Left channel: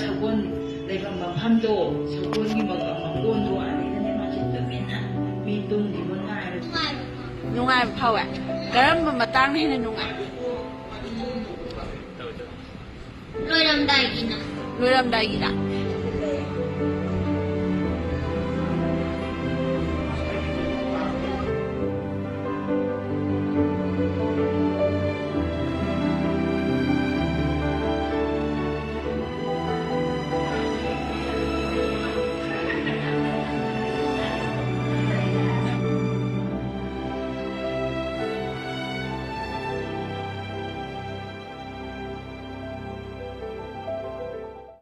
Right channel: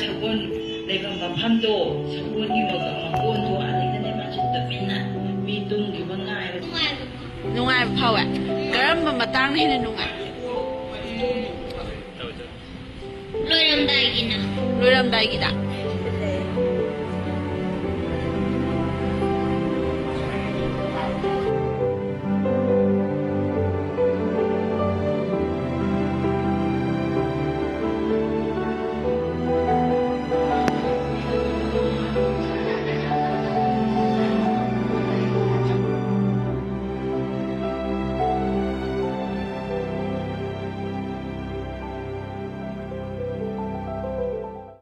사본 내가 막 밤도 사본이 막 온도 아니가 내 맞았다 맨날 미동 기분 나요 นุ่งไงเผาอ่ะก็มันมาตั้งให้ในนุ่งไง Lôi đâm đầy kìa nè. รู้รำได้กี่ดา